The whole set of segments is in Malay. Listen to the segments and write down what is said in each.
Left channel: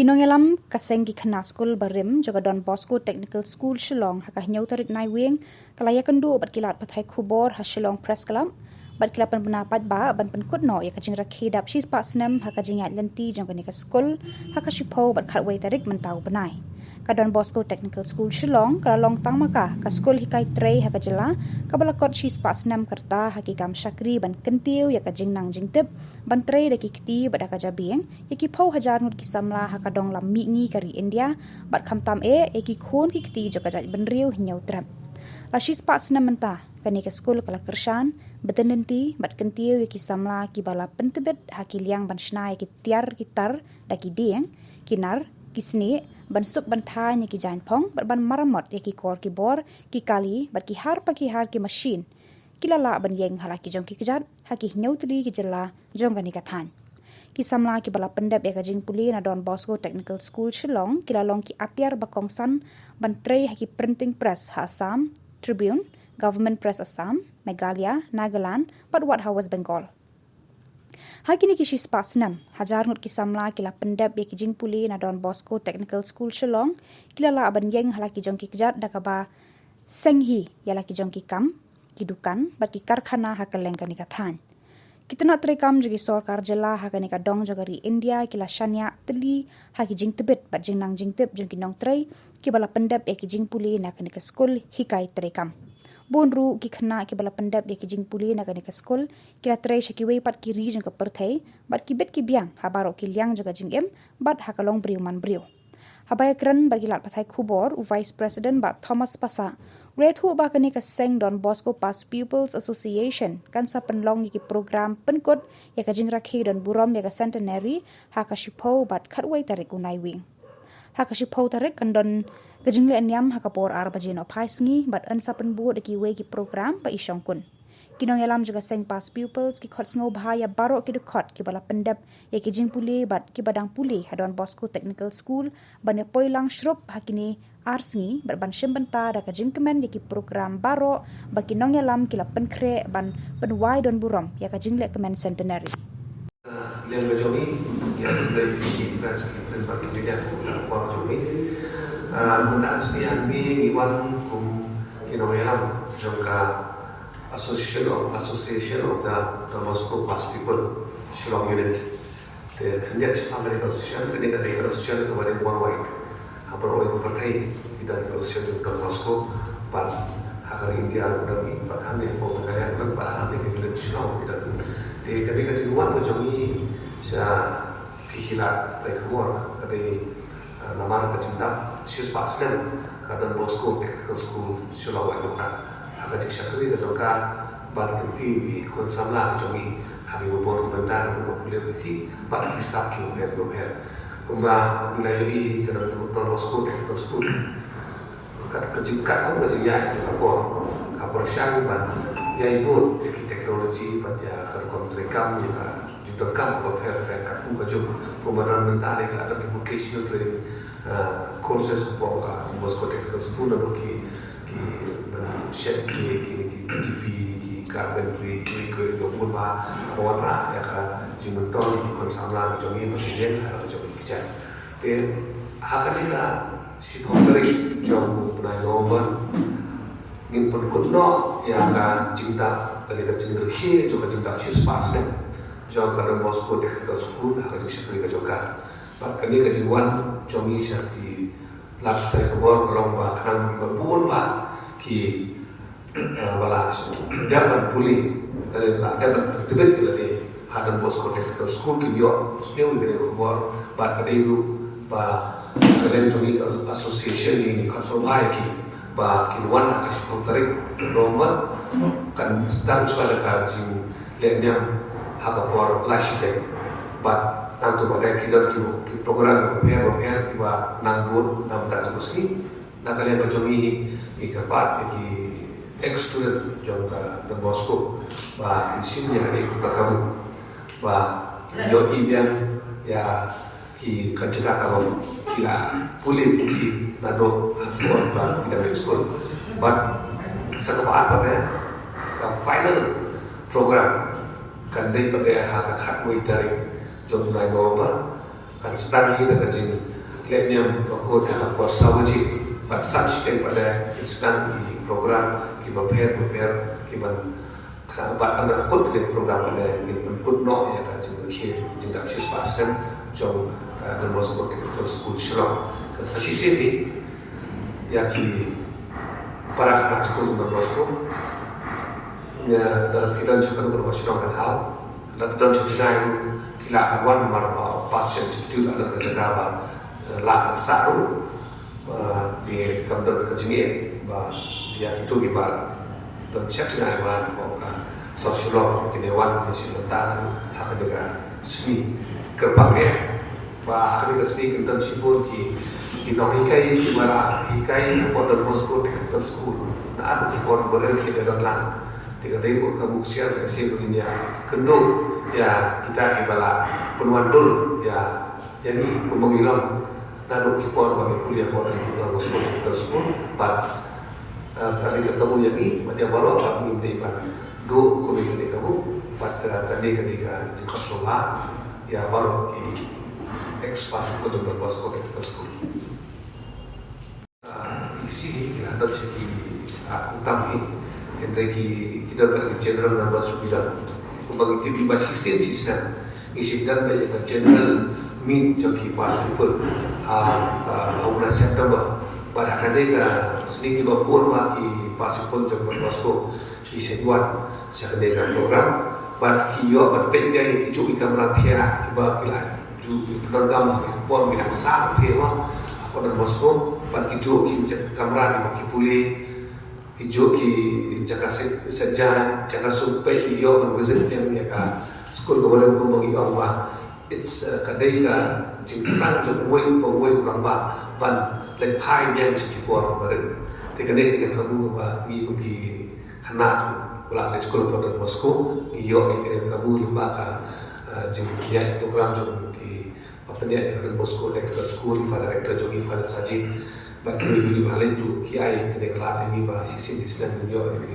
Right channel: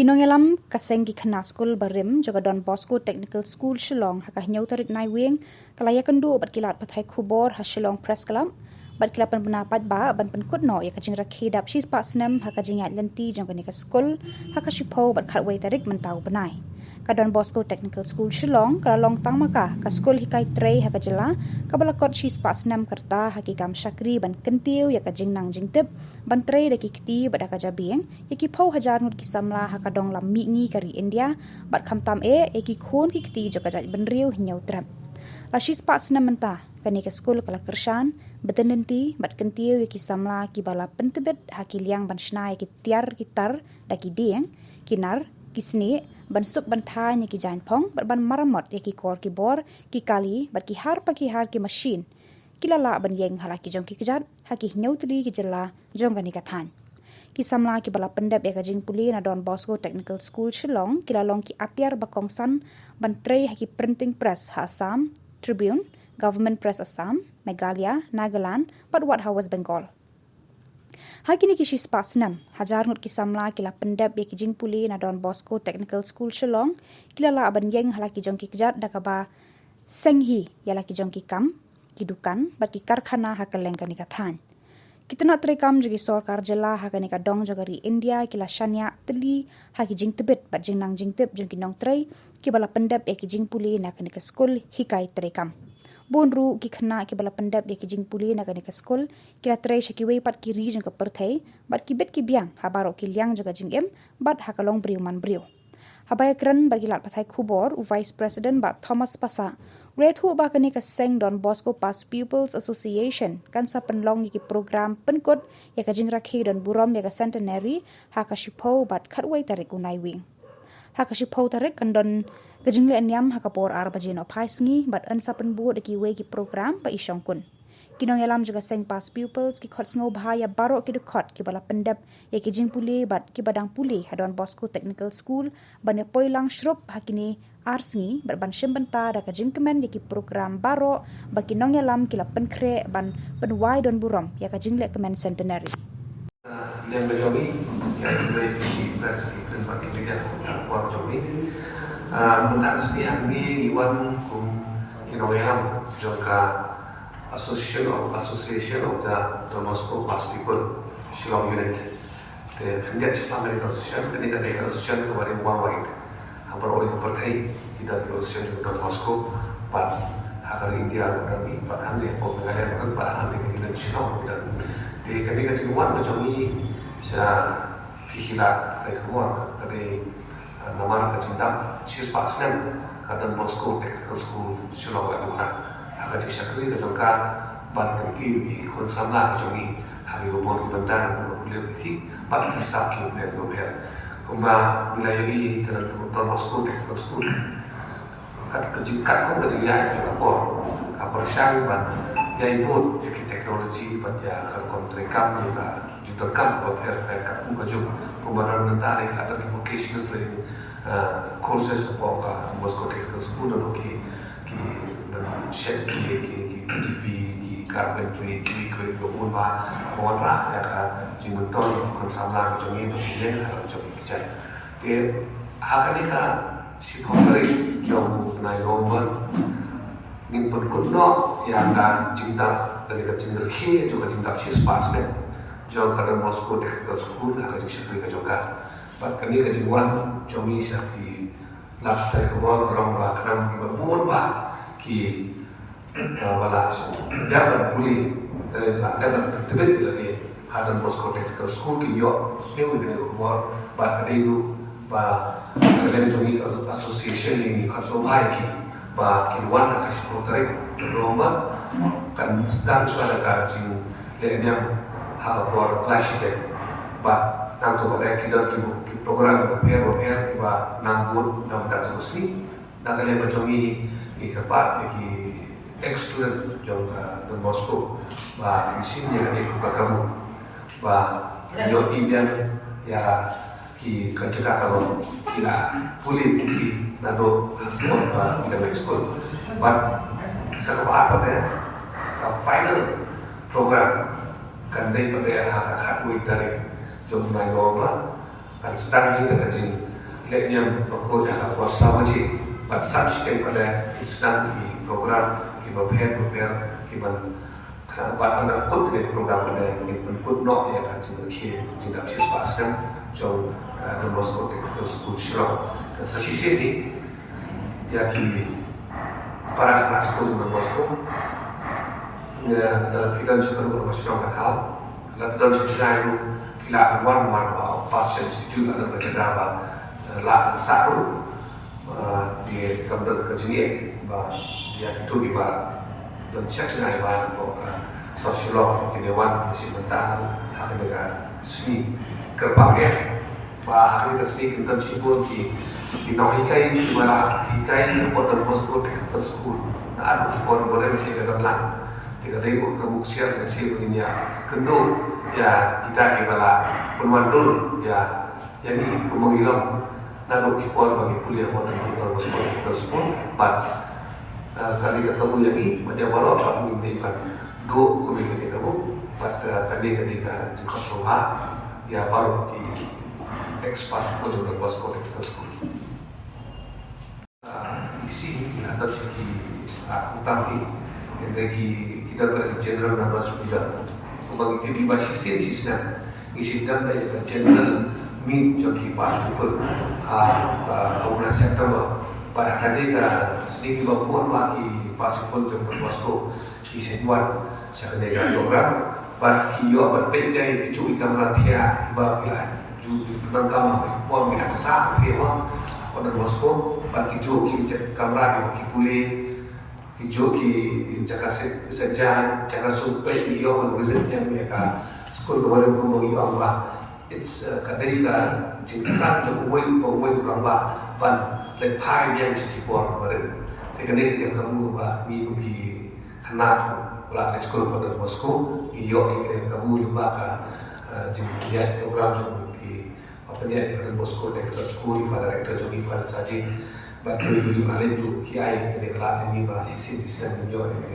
Kinongelam kasengi khana school barim joga Don Bosco Technical School Shillong haka nyau tarik nai wing kalaya kendu bat kilat pathai khubor ha Shillong Press Club bat kilapan pendapat ba ban penkut no ya kajing rakhi dap shis pa snem haka jingat lenti jong ka school haka shipo bat khatwai tarik mentau benai ka Don Bosco Technical School Shillong kala long tang maka ka school hikai trei haka jela ka balakot shis pa snem kerta haki kam shakri ban kentiu ya kajing nang jingtip ban trei daki kti bat haka jabing yaki pau hajar nut kisamla haka dong lam mi ngi kari India bat khamtam eki khon ki kti jo ka jaj benriu nyau trap la shis pa snem menta kani ke school kala kershan betenenti bat kentiu yaki samla ki bala pentebet haki liang ban shnai ki tiar gitar daki dieng kinar kisni ban suk ban thanya ki jain phong bat ban maramot yaki kor ki bor ki kali bat ki har ki machine kilala ban yeng hala ki jong ki kejat haki nyautli ki jela jong kani ka than ki samla ki bala pendep ya kajing puli na Don Bosco Technical School Shillong kilalong ki atiar bakong san ban trei haki printing press ha Assam Tribune Government Press Assam Meghalaya Nagaland bat wat West Bengal Hakini ki shis pasnam hajar ngut kisamla kila pendep ya kijing puli na Don Bosco Technical School Shillong kilala aban yeng hala ki jong ki kejat dakaba senghi yala ki jong ki kam ki dukan bat ki karkhana hakaleng kani kathan kitna trekam jogi sarkar jela hakani ka dong jogari India kila shanya teli haki jing tebet bat jing nang jing tep jong ki nong trei ki bala pendep ya ki jing puli na kani ka school hikai trekam bonru ki khna ki bala pendap ya ki jing puli na kani ka school kila trei shaki wei pat ki ri jong ka perthai bat ki bet ki biang habaro ki liang joga jing em bat hakalong briu man briu habaya kran bagilat pathai khubor vice president bat Thomas Pasa rethu ba kani ka seng Don Bosco Past Pupils Association kan sa penlong ki program penkot ya ka jing rakhi don burom ya ka centenary haka shipo bat khatwai tarik unai wing haka shipo tarik kan don Kajing le anyam hakapor arbajin opaisngi bat ansa penbu de ki we ki program pa isyong kun. Kinong yalam juga seng past pupils ki khot sngo bahaya baro ki de khot ki bala pendap ya ki jing puli bat ki badang puli Don Bosco Technical School ban poilang shrup hakini arsngi bat ban shembenta da kajing kemen ya ki program baro ba kinong yalam ki la penkre ban penwai don burom ya kajing le kemen centenary. Liang berjomi ya dari press dan bagi media war jomi Mudah sekali kami iwan kinoyam juga association of the Don Bosco Past People Shillong unit. The Kandiyat Family Association kini kan association kemarin worldwide. Hampir orang bertai kita association Don Bosco Pat Hakar India kami Pat Hamil Pembangunan dan Pat Hamil unit Shillong dan di kini kan iwan berjomi saya hihilat dari keluar dari nama kecendap sis pasnen Don Bosco Technical School Shillong Aluhra haka tisakri kajongka ban kenti kon samla kajongi hari ubon bentar ko kuliah beti bak hisap ki uber kuma wilayah kana Don Bosco Technical School kat kejingkat ko kejingya juga ko apersyang ban yai bot ki teknologi ban ya kan kontrekam ya judokan ko kat ko kajung kumaran mentari kada vocational training courses ko ka Bosco Technical School no ki shed ki TP ki carpentry ki do ba ko ra ya ka jimuton ki kon samla ko jongi begin ko jongi kijan de hakani ka si konkret jong na nomor ngin pun kutno ya ka cinta dari ka cinta ki jo ka cinta sis pas ne jong ka Don Bosco Technical School haka si ka joka bat kani ka jingwan jongi sa ki lak tai ko bor ko long ba kan ba bon ba ki balas dapat puli ada tebet lagi Don Bosco Technical School ki yo snewi gane ko bor bat ka degu ba kalen jongi association ni ka so ba ki ba ki wan ka si tarik nomor kan sedang suara ka jing le nyam haka bor lasite ba Tanto pada kita ki program PRO ki ba nangbur nam ta tusi nakalian bajongi ki kapat ki ex-student jongka Don Bosco ba kisimnya kan ikut bakaru ba yo imbian ya ki kecekak kawan kila puli ki nado hakor ba kita school ba sakapa apa ya final program kan dai pada hak hak muitari jom nai roba kan sedang hiu dengan jing leknya aku dah bersama je, but such daripada instan di program kita prepare kita buat anda kut dengan program pada ini kut nok ya kan jadi sistem jauh dan Moscow Technical School Shillong. Dan sisi ini ya kini para anak sekolah di Moscow dalam keadaan seperti itu Shillong kata dalam sejarah itu bila awal marah pasien itu dalam kecerdasan lah satu di kamar kejenian bah dia itu kita dan sejarah bah sosiolog kedewan misi mentan hak negara seni kerbangnya bah hari kesini kita sibuk di hikai di mana hikai pada Moscow Technical School nah ada orang baru kita dalam tiga ribu kemuksian hasilnya kenduk ya kita ibarat pemandur ya yang ini mengilang lalu kita bagi kuliah pada Moscow Technical School but kali kamu yang ini dia baru apa minta do community kamu but kali ka jika sola ya baru ki expert untuk Moscow Technical School isi ada segi utama yang kita pada general nama sudah bagi TV basis sistem isi dan banyak general meet joki pas people bulan September pada kali sedikit berpun bagi pas people joki Moscow isi buat sekedar program bagi yo berpendai kecuali kamera tiara kiba bila ju penangkam pon bila sah tiara pada Moscow bagi joki kamera bagi pulih joki jaga saja jaga supaya yo menguzik yang mereka sekolah kepada bagi Allah it's kadai ka jingkran jo way kamba ban lepai yang sekipor baru tekadai kamu ba mi ki khana Kalau sekolah pada Moscow, iyo kamu lupa ka jengnya program jengki apa dia pada Moscow Technical School pada rektor jengki pada sajid, batu ini balik tu kiai kena kelar ini bah sisi Islam iyo kena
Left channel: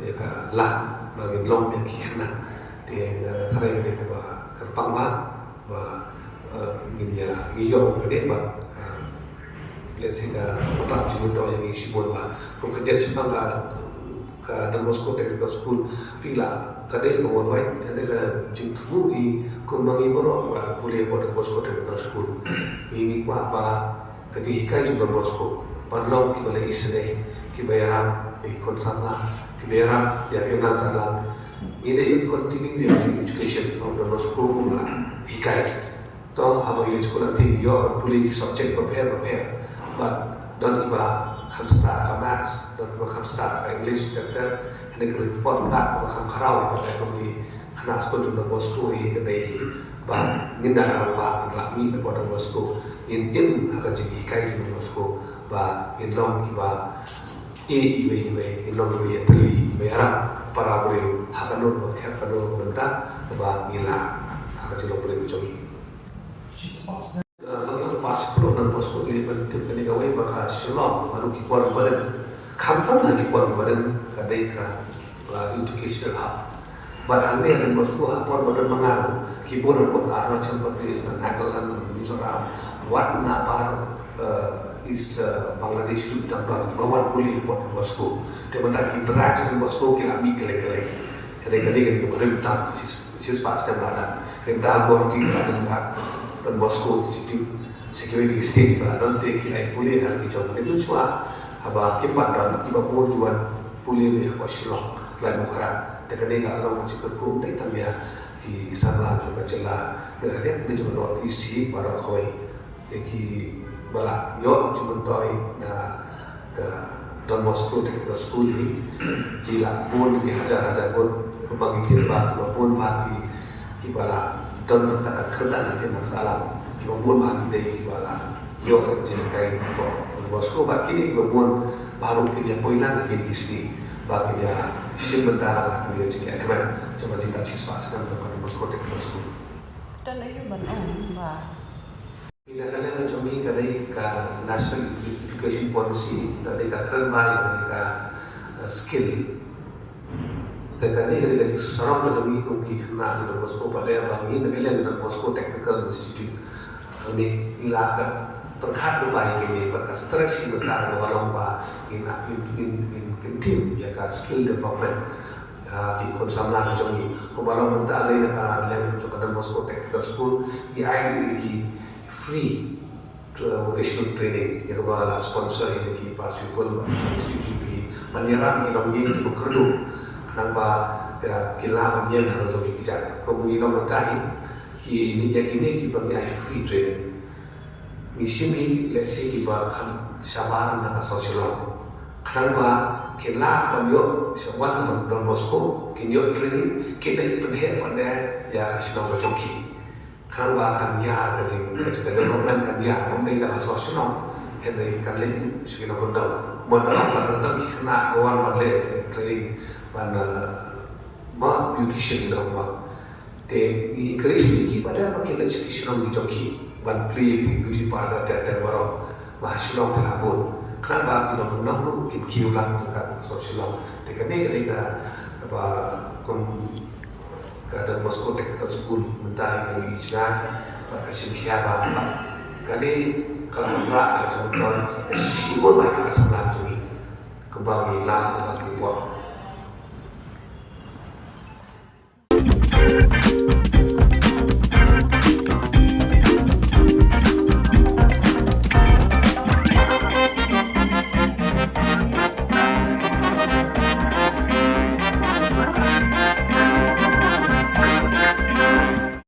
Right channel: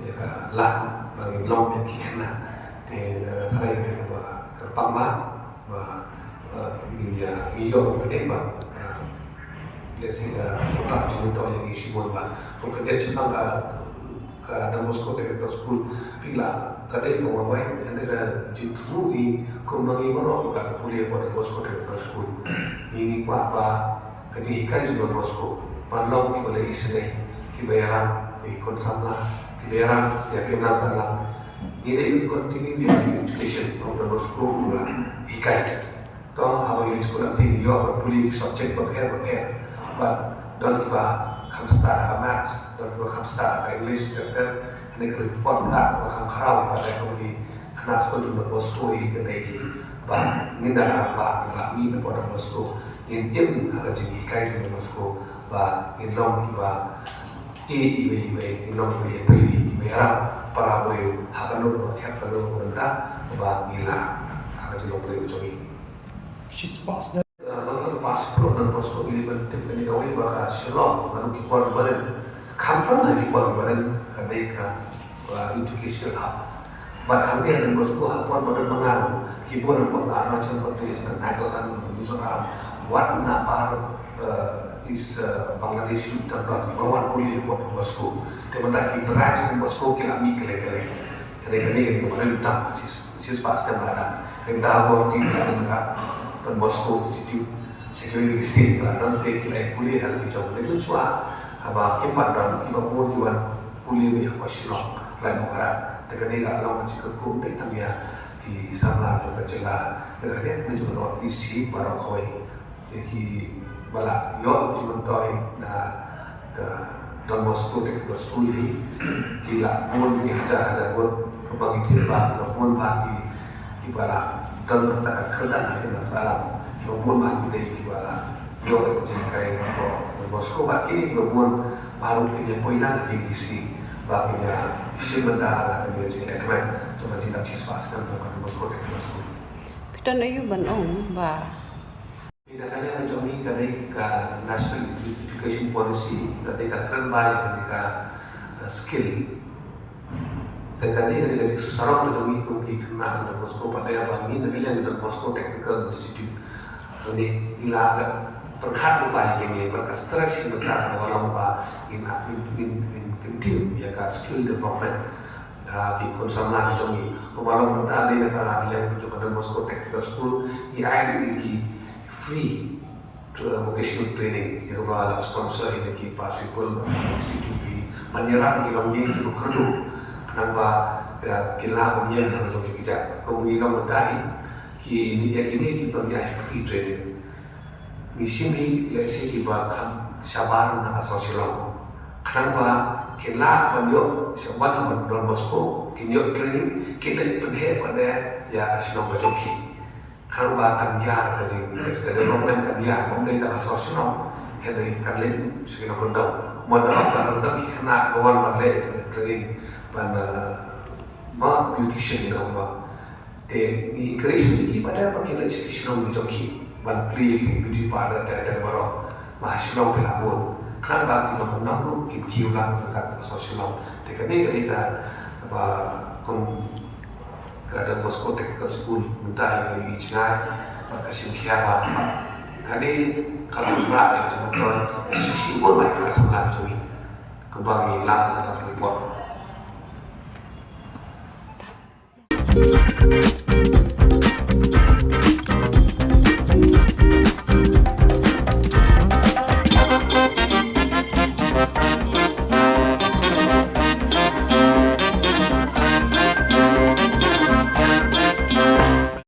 ya ka lah bagi long yang kena, dan terakhir mereka bah kerpang bah minyak iyo kena bah lesing program jengki yang isi buat bah kerja cipta dan Moscow Technical School bila kadai mawai ada jumpu i kumbangi baru pada kuliah pada Moscow Technical School ini apa kaji hikai juga Moscow malam kita boleh isne kibayaran konsana kibayaran ya kena salam ini continue education pada Moscow pula hikai toh apa ini sekolah tinggi yo pulih subjek prepare but don't iba Kamstar Kamas dan Kamstar English dan ini report tak masang karau pada kami kena sekolah di Moscow ini dari bah ninda bah lami pada Moscow in akan jadi kai di Moscow bah in long kiba in long iwe teli merah para beliau akan nol khat pada benda bah mila akan jadi beliau jogi pas dan Moscow ini bentuk penilaian bahasa Shillong lalu kipuan badan kantor lagi kipuan badan kadeka educational hub bahkan dia dan Moscow kipuan badan mengalu kipuan pengaruh seperti Thailand Mizoram buat apa is Bangladesh dan bawah kuliah kipuan Moscow sementara interaksi dengan Moscow kira mikir kira-kira kemarin utama siswa sekarang yang dah buat tinggal dan Moscow Institute security state dan kita boleh hal kita itu semua apa keempat dan kita pun juga boleh apa Shillong lain muka teknik kalau macam kerja kita ya di sana juga jelas dengan dia juga isi para koi jadi bala yo juga doi dan Moscow Technical School ini gila pun dihajar pun bagi cerita pun bagi bala dan tak kedan lagi masalah Gabon bagi dari kibala, yo ada jengkai Moscow bagi ni Gabon baru punya poinan lagi di bagi dia sementara lah kami jengkai kemarin cuma jengkai siswa sedang pada Moscow Technical School. Kita nak bangun bah. Bila kalian mencoba dari national education policy dari keren baik dari skill. Dan dari seorang mencoba kopi kena di Moscow pada yang bagi ni bila Moscow Technical Institute. Ini ila perkhat ba ini ba stress ini ba orang ba in tim ya ka skill development di konsamla ke jongi kemarin kita ada ka lem jo Don Bosco Technical School ai ini free vocational training ya ba sponsor ini ki Pacific Institute di Manira ni long ni ki kerdu nang ba kila punya yang harus kita kemudian kita ki ini ki bagi free training di sini let's say kita kan sabar nak sosial kenapa kila banyak sebuah Don Bosco kinyo training kita penhe pada ya sinong joki kenapa kan ya kasi kita development kan ya mungkin kita sosial Henry Carlin segala benda mana benda kena kawan pada training pada ma beautician na ba te i kreisi ki pada pakai education ni joki ban play beauty parlor te baro ma silong te labor kan ba kita pun nak ki kiulan kan sosial te kene kita ba kon Don Bosco Technical School mentah ini ijna ba kasim kiara kali kalau berat macam tu sisi pun nak kelas berat jadi kembali lah nak report.